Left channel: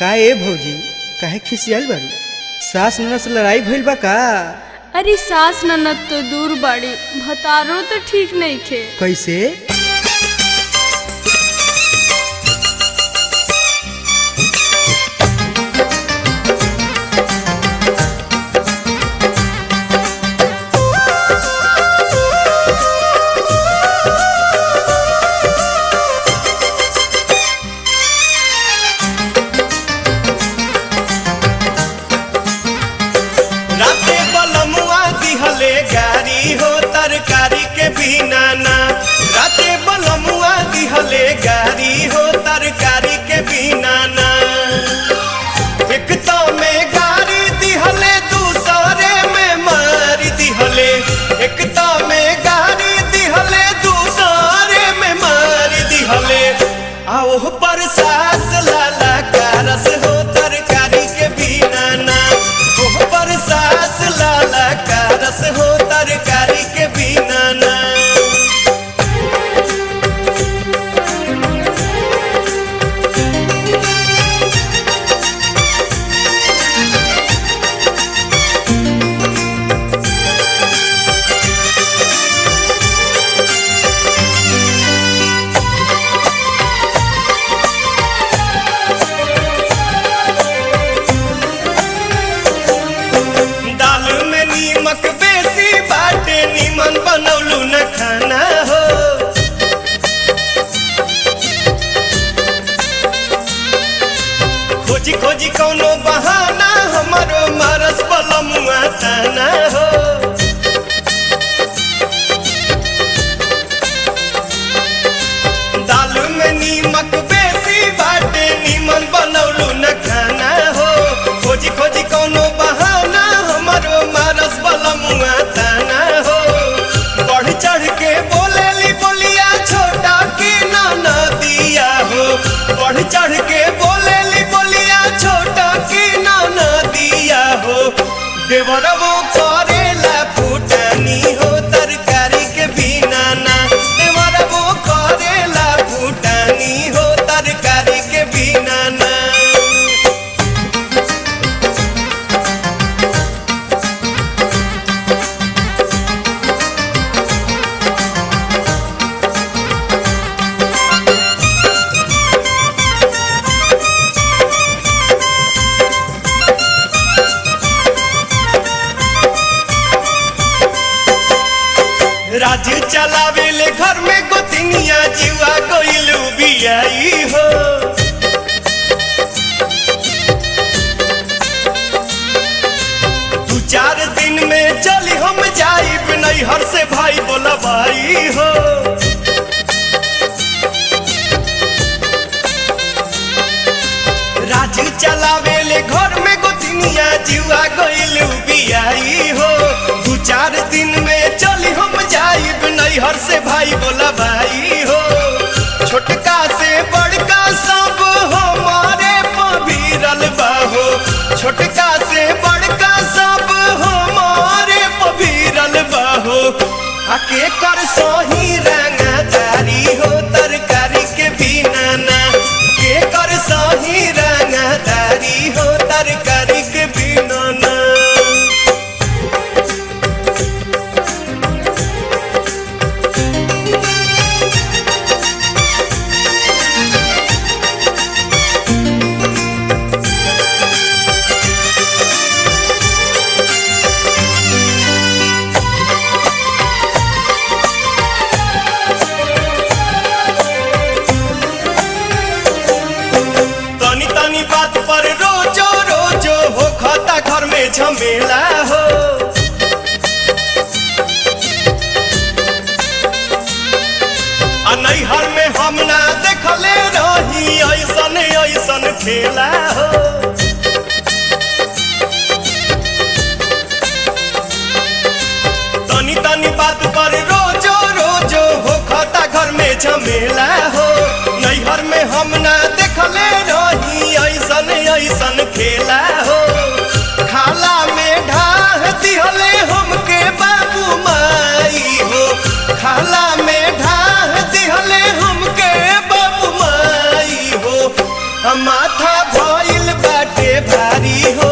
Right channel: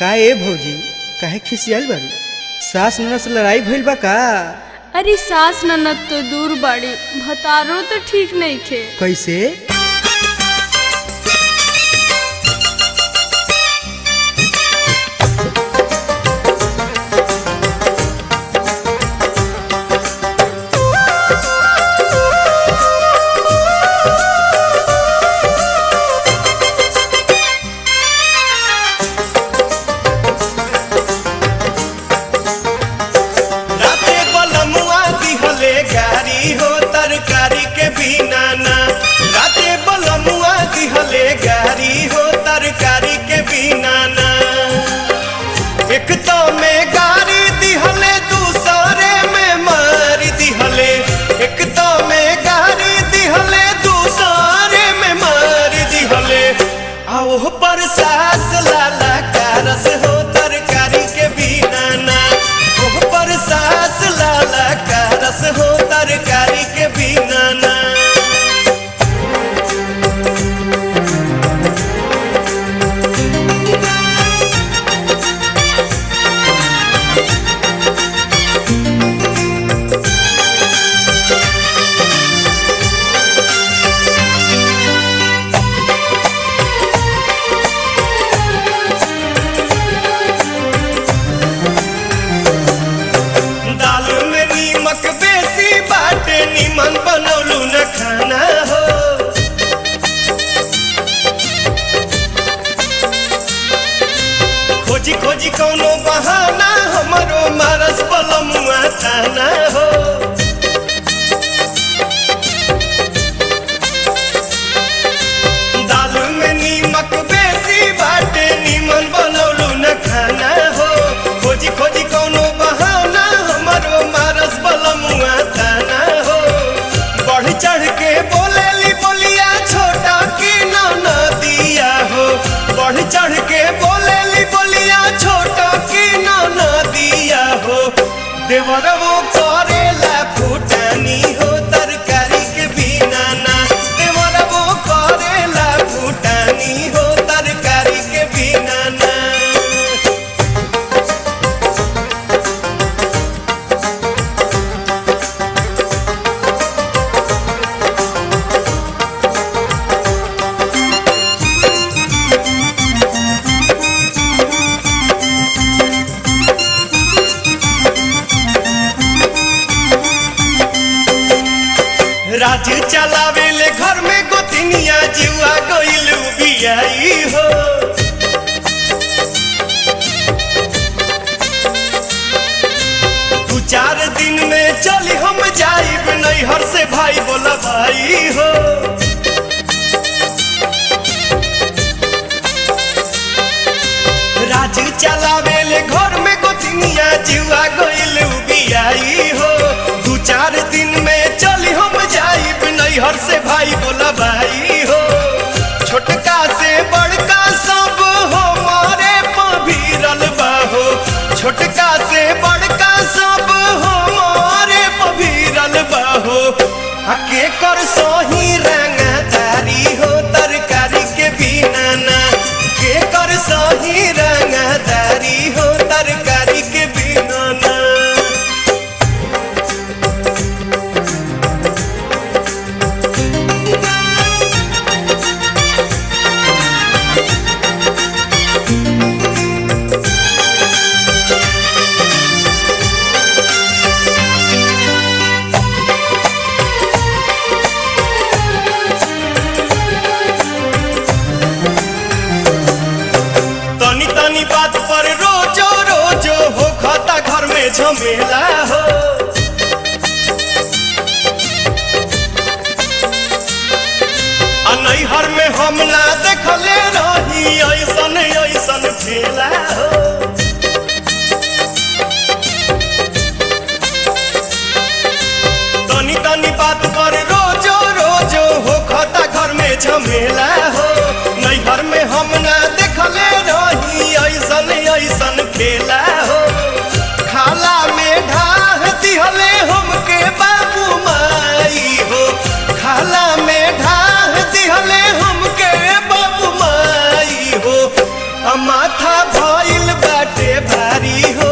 का ए भौजी काहे खिसियाल बारू? सास ननद से लड़ाई भइल बा का? अरे सास ननद तो दूर बाड़ी, भतारो तो ठीक नहीं खे। कैसे? गारी हो तरकारी के बिना ना, राते बलमुआ दिहले गारी हो तरकारी के बिना ना। एक तो में गारी दिहले दूसरे में मार दिहले, एक तो में गारी दिहले दूसरे में मार दिहले। आओ पर सास लाला कारस हो तरकारी के बिना ना, ओह पर सास लाला कारस हो तरकारी के बिना ना। दाल में नीमक बेसी बाटे, निमन बनौलू न खाना हो। खोजी खोजी कौनो बहाना हमारो मारस बलमुआ ताना हो। दाल में नीमक बेसी बाटे, निमन बनौलू न खाना हो। खोजी खोजी कौनो बहाना हमारो मारस बलमुआ ताना हो। बढ़ चढ़ के बोलेली बोलिया छोटा की ना दिया हो। बढ़ चढ़ के बोलेली बोलिया छोटा की ना दिया हो। देवरवो करेला फूटानी हो तरकारी के बिना ना, देवरवो करेला फूटानी हो तरकारी के बिना ना। राज चलावेले घर में गोतिनिया, जीवा गइलू बियाई हो। दू चार दिन में चली हम जाइब नैहर से भाई बोला भाई हो। राज चलावेले घर में गोतिनिया, जीवा गइलू बियाई हो। दू चार दिन में चली हम जाइब नैहर से भाई बोला भाई हो। छोटका से बड़का सब हमारे पभीरल बाहो, छोटका से बड़का सब हमारे पभीरल बाहो। आके कर सोही रंगदारी हो तरकारी के बिना ना, के कर सोही रंगदारी हो तरकारी के बिना ना। तनी तनी बात पर रोजो रोजो हो खाता घर में झमेला हो। नैहर में हम ना देखले रही ऐसन ऐसन खेला हो। तनी तनी बात पर रोजो रोजो हो खाता घर में झमेला हो। नैहर में हम ना देखले रही ऐसन ऐसन खेला हो। खाला में ढाह दिहले हमके बाबू माई हो, खाला में ढाह दिहले हमके बाबू माई हो। माथा भइल बाटे भारी हो